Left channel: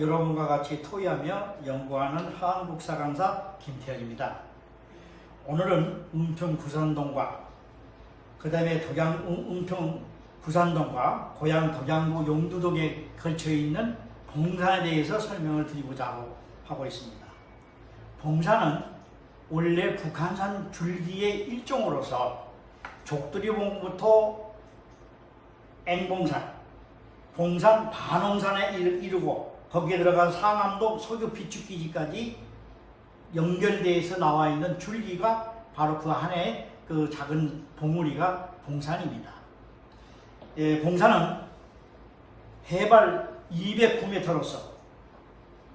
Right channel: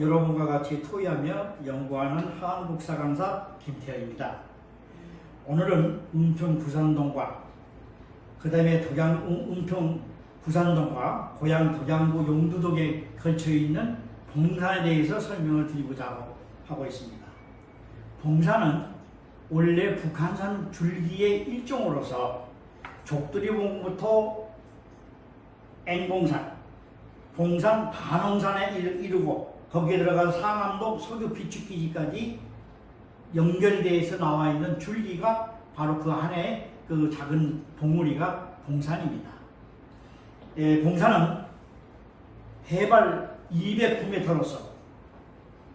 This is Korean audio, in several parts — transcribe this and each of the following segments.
여러분과 같이 토의하며 연구하는 한국사 강사 김태현입니다. 오늘은 은평 구산동과 그 다음에 덕양 은- 은평 구산동과 고향 덕양구 용두동에 걸쳐 있는 봉산에 대해서 설명을 드리고자 하고- 있습니다. 봉산은 원래 북한산 줄기의 일종으로서 족두리봉부터 앵봉산, 봉산 반홍산에 이르- 이르고 거기에 들어간 상암동 석유 비축기지까지 연결돼서 나와 있는 줄기가 바로 그 안에 그 작은 봉우리가 봉산입니다. 예, 봉산은 해발 209m로서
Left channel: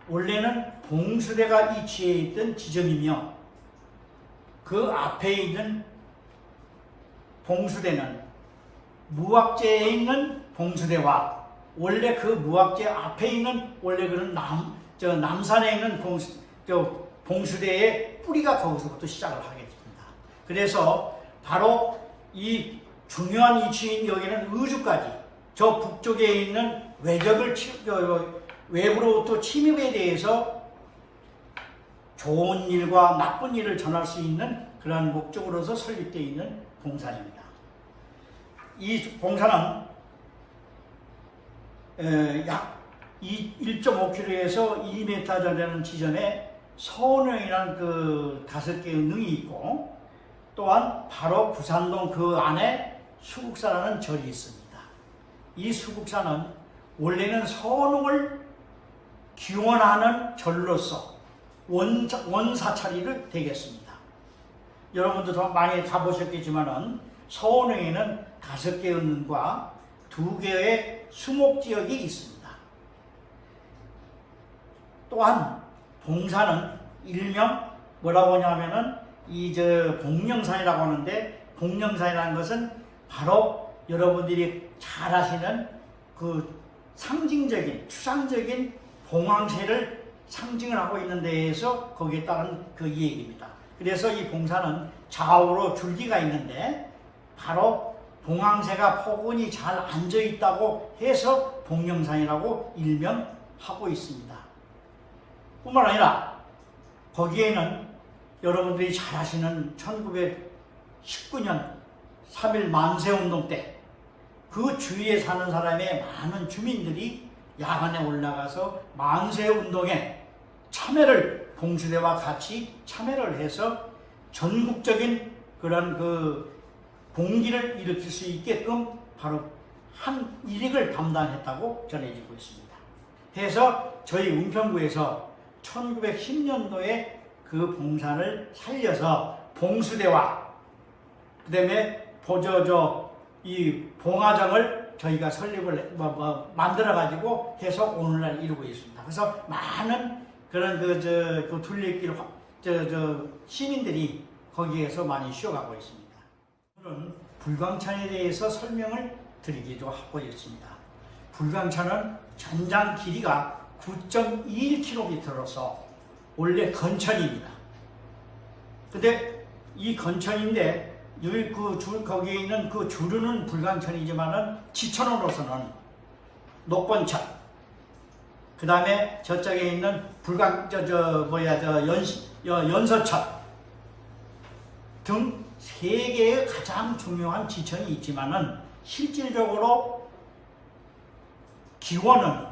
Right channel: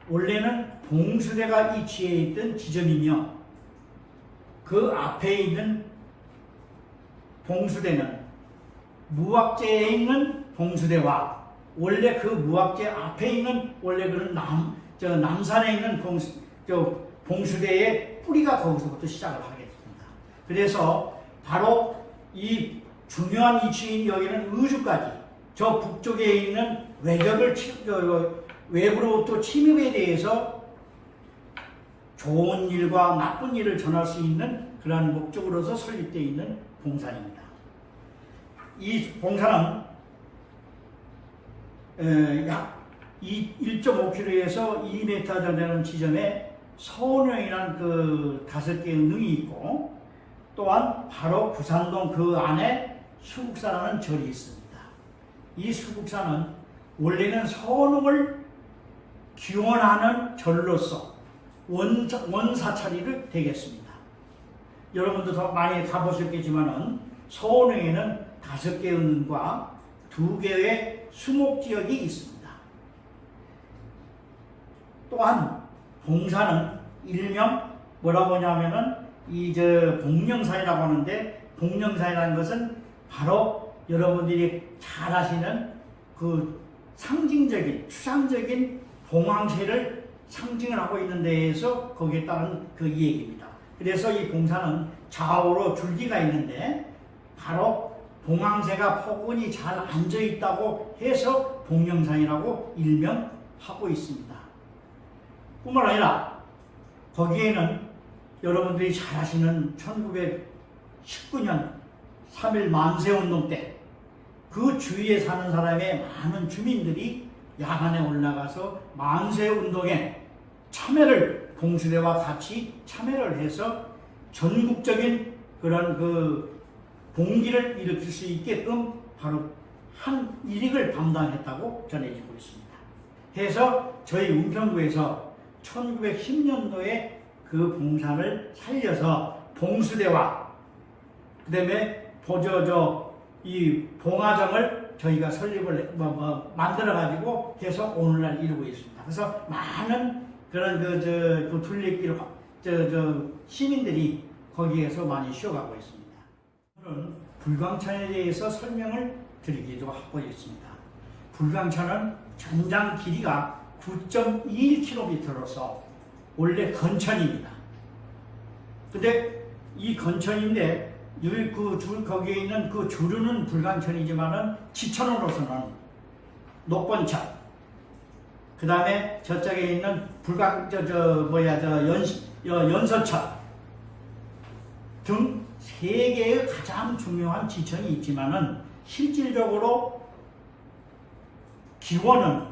원래는 봉수대가 위치해 있던 지점이며 그 앞에 있는 봉수대는 무학제에 있는 봉수대와 원래 그 무학제 앞에 있는 원래 그런 남, 저 남산에 있는 봉수, 저 봉수대의 뿌리가 거기서부터 시작을 하게 됩니다. 그래서 바로 이 중요한 위치인 여기는 의주까지 저 북쪽에 있는 외적을 외부로부터 침입에 대해서 좋은 일과 나쁜 일을 전할 수 있는 그러한 목적으로서 설립되어 있는 봉산입니다. 이 봉산은 에, 약 1.5km에서 2m 정도 되는 지점에 서운영이라는 그 다섯 개의 능이 있고 또한 바로 부산동 그 안에 수국사라는 절이 있습니다. 이 수국사는 원래는 서운을 기원하는 절로서 원, 원사찰이를 되겠습니다. 여러분도 더 많이 가보셨겠지만은 서원에는 다섯 개의 은과 두 개의 수목 지역이 있습니다. 또한 봉사는 일명 뭐라고 하냐면은 이저 복령산이라고 하는데 복령산이라는 것은 바로 여러분들이 잘 아시는 그 상징적인 추상적인 봉황새를 상징을 하고 있는 데에서 거기에 따른 그 얘기입니다. 그래서 이 봉사는 좌우로 줄기가 있는데 바로 봉황새가 포근히 잘 앉아 있다고 해서 봉령산이라고 일명하고 있습니다. 뿐만 아니라 거기에는 여러분들이 잘 아시는 1919년 3일 만세 운동 때 그 주위에 사는 사람의 많은 주민들이 야간에 올라가서 만세 운동에 참여를 봉수대와 같이 참여를 해서 전국적인 그런 그 봉기를 일으킬 수 있게끔 바로 한 일익을 담당했다고 전해지고 있습니다. 해서 저희 은평구에서 1910년도에 그 봉산을 살려서 봉수대와 그 다음에 보저저 이 봉화정을 저희가 설립을 뭐, 뭐 만들어 가지고 해서 오늘날 이루고 있습니다. 그래서 많은 그런 그저 그 둘레길 화- 저, 저 시민들이 거기에서 많이 쉬어가고 있습니다. 불광천에 대해서 설명을 드리기로 하고 있습니다. 불광천은 전장 길이가 9.21km로서 원래 건천입니다. 근데 이 건천인데 그 줄, 거기에 있는 그 주르는 불광천이지만은 지천으로서는 녹번천, 그 다음에 저쪽에 있는 불광, 저, 저, 뭐야, 저, 연, 여, 연서천 등 세 개의 가장 중요한 지천이 있지만은 실질적으로 기원은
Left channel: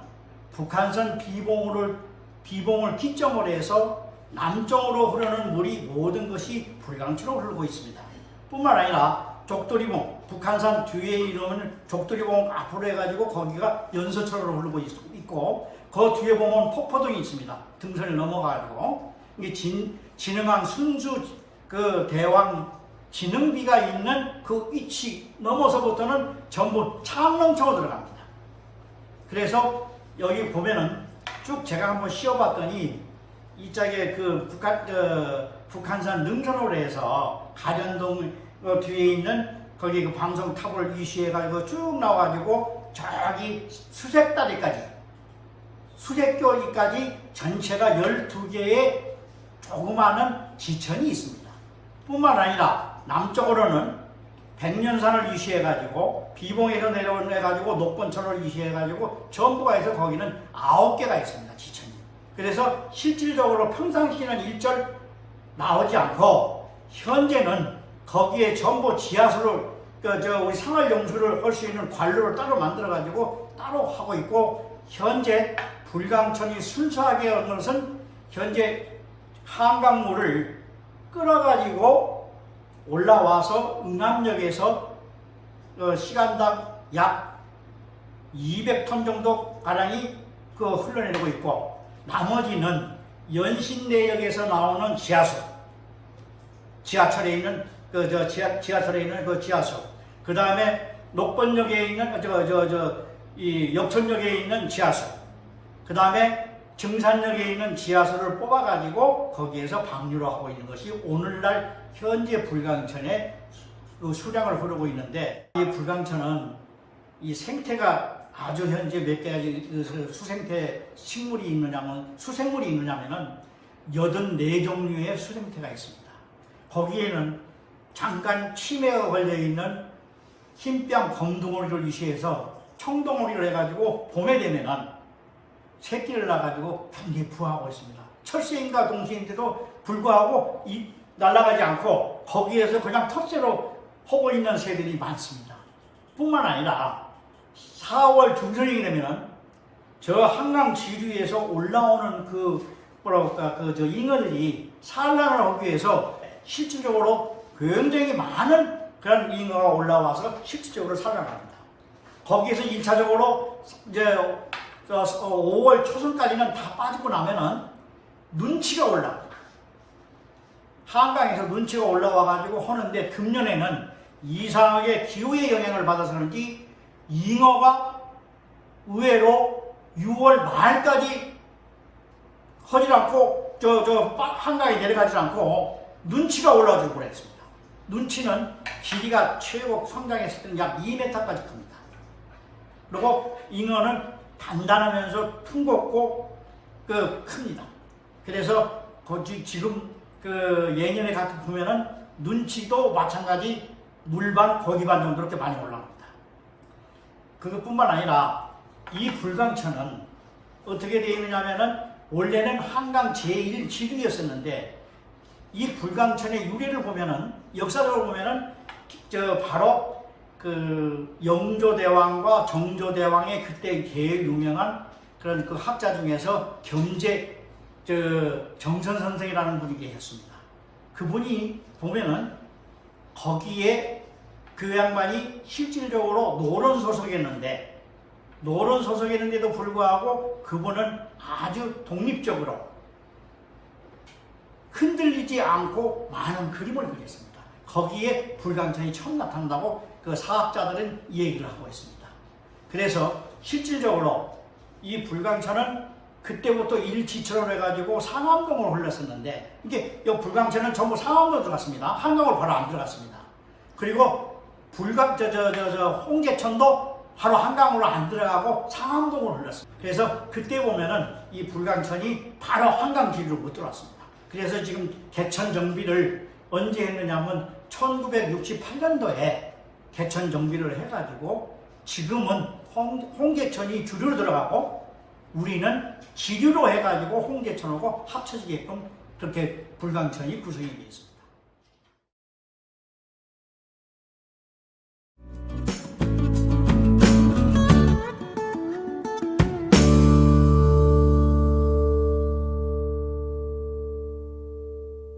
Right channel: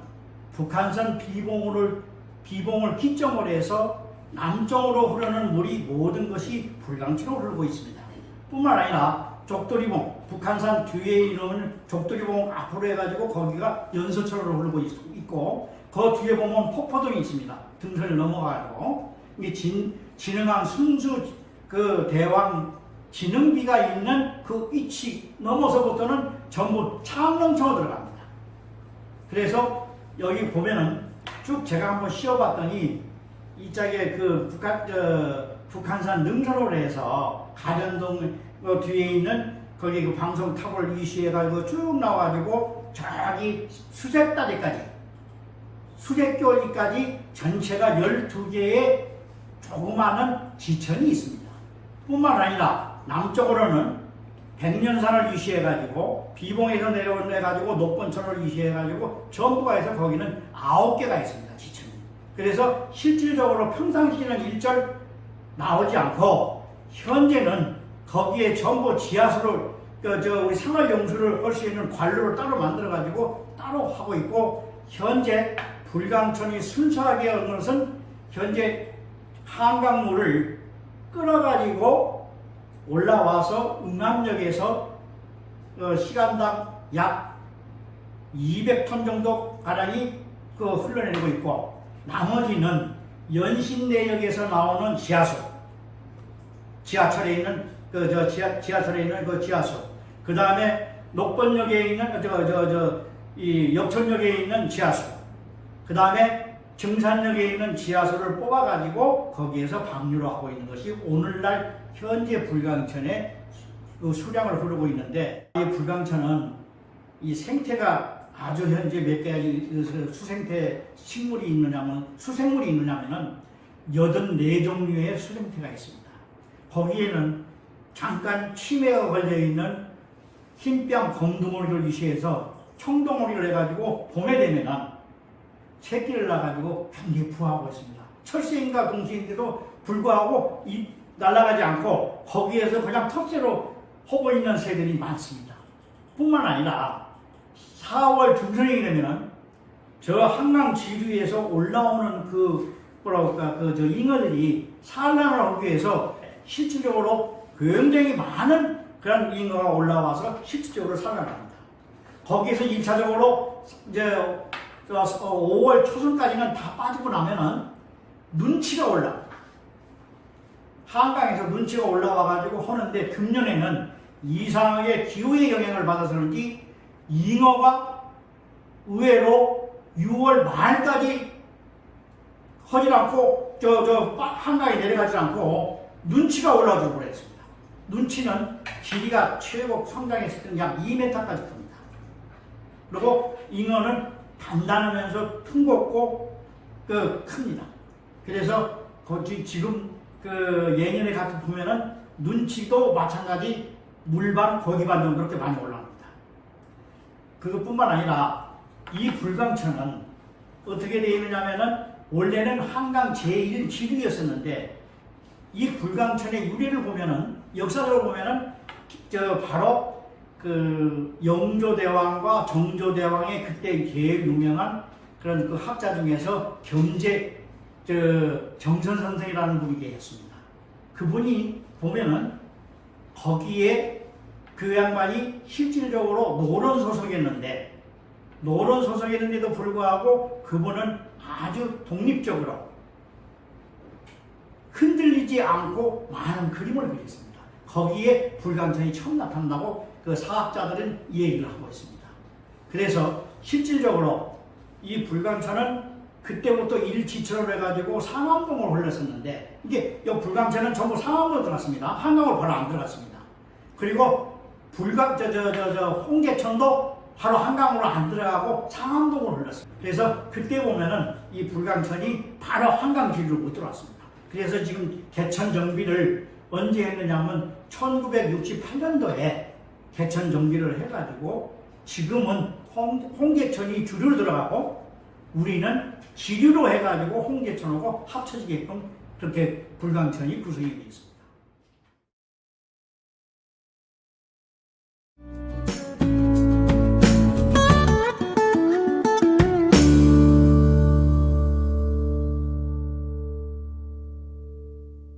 북한산 비봉을, 비봉을 기점으로 해서 남쪽으로 흐르는 물이 모든 것이 불광천으로 흐르고 있습니다. 뿐만 아니라 족도리봉, 북한산 뒤에 있는 족도리봉 앞으로 해가지고 거기가 연서천으로 흐르고 있- 있고 그 뒤에 보면 폭포동이 있습니다. 등선을 넘어가지고 이게 진, 진흥항 순수 그 대왕 진흥비가 있는 그 위치 넘어서부터는 전부 창릉청으로 들어갑니다. 그래서 여기 보면은 쭉 제가 한번 씌워봤더니 이쪽에 그 북한 저 북한산 능선으로 해서 가련동 어, 뒤에 있는 거기 그 방송 탑을 이시해가지고 쭉 나와가지고 저기 수색다리까지 수색교리까지 전체가 12개의 조그마한 지천이 있습니다. 뿐만 아니라 남쪽으로는 백년산을 유시해가지고 비봉에서 내려오해가지고 녹번천을 유시해가지고 전부가 해서 거기는 아홉 개가 있습니다 지천이. 그래서 실질적으로 평상시에는 일절 나오지 않고 현재는 거기에 전부 지하수를 그 저 우리 생활 용수를 할 수 있는 관로를 따로 만들어 가지고 따로 하고 있고 현재 불광천이 순수하게 하는 것은 현재 한강물을 끌어가지고 올라와서 응암역에서 어, 시간당 약 200톤 정도 가량이 그 흘러내리고 있고 나머지는 연신내역에서 나오는 지하수 지하철에 있는 그 저 지하 지하철에 있는 그 지하수 그 다음에 녹번역에 있는 저 저 저 이 역천역에 있는 지하수 그 다음에 증산역에 있는 지하수를 뽑아가지고 거기에서 방류를 하고 있는 것이 오늘날 현재 불광천의 그 수량을 흐르고 있는데 이 불광천은 이 생태가 아주 현재 몇 가지 그 수생태 식물이 있느냐면 수생물이 있느냐면은 여든 네 종류의 수생태가 있습니다. 거기에는 잠깐 치매가 걸려 있는 흰뺨 검둥오리를 유시해서 청동오리를 해가지고 봄에 되면은 새끼를 낳아가지고 굉장히 부화하고 있습니다. 철새인과 동시인데도 불구하고 이 날아가지 않고 거기에서 그냥 텃새로 하고 있는 새들이 많습니다. 뿐만 아니라 4월 중순이 되면은 저 한강 지류에서 올라오는 그 뭐랄까 그 저 잉어들이 산란을 하기 위해서 실질적으로 굉장히 많은 그런 잉어가 올라와서 실질적으로 산란합니다. 거기에서 1차적으로 이제 저 5월 초순까지는 다 빠지고 나면은 눈치가 올라. 한강에서 눈치가 올라와 가지고 하는데 금년에는 이상하게 기후의 영향을 받아서 그런지 잉어가 의외로 6월 말까지 하지 않고 저 저 한강에 내려가지 않고 눈치가 올라오고 그랬습니다. 눈치는 길이가 최고 성장했을 때는 약 2m까지 큽니다. 그리고 잉어는 단단하면서 퉁겁고 그 큽니다. 그래서 거기 지금 그 예년에 같은 보면은 눈치도 마찬가지 물반 고기반 정도 이렇게 많이 올라옵니다. 그것뿐만 아니라 이 불광천은 어떻게 되어 있느냐면은 원래는 한강 제1 지류였었는데 이 불광천의 유래를 보면은 역사적으로 보면은 저 바로 그 영조대왕과 정조대왕의 그때 제일 유명한 그런 그 학자 중에서 경제 저 정선 선생이라는 분이 계셨습니다. 그분이 보면은 거기에 그 양반이 실질적으로 노론 소속이었는데 노론 소속이었는데도 불구하고 그분은 아주 독립적으로 흔들리지 않고 많은 그림을 그렸습니다. 거기에 불광천이 처음 나타난다고 그 사학자들은 이 얘기를 하고 있습니다. 그래서 실질적으로 이 불광천은 그때부터 일지처럼 해가지고 상암동을 흘렀었는데 이게 이 불광천은 전부 상암동으로 들어갔습니다. 한강으로 바로 안 들어갔습니다. 그리고 불광 저저 저 홍제천도 바로 한강으로 안 들어가고 상암동으로 흘렀습니다. 그래서 그때 보면은 이 불광천이 바로 한강 길로 못 들어왔습니다. 그래서 지금 개천 정비를 언제 했느냐면 1968년도에 개천 정비를 해가지고 지금은 홍, 홍제천이 주류로 들어가고 우리는 지류로 해가지고 홍제천하고 합쳐지게끔 그렇게 불광천이 구성이 되어 있습니다.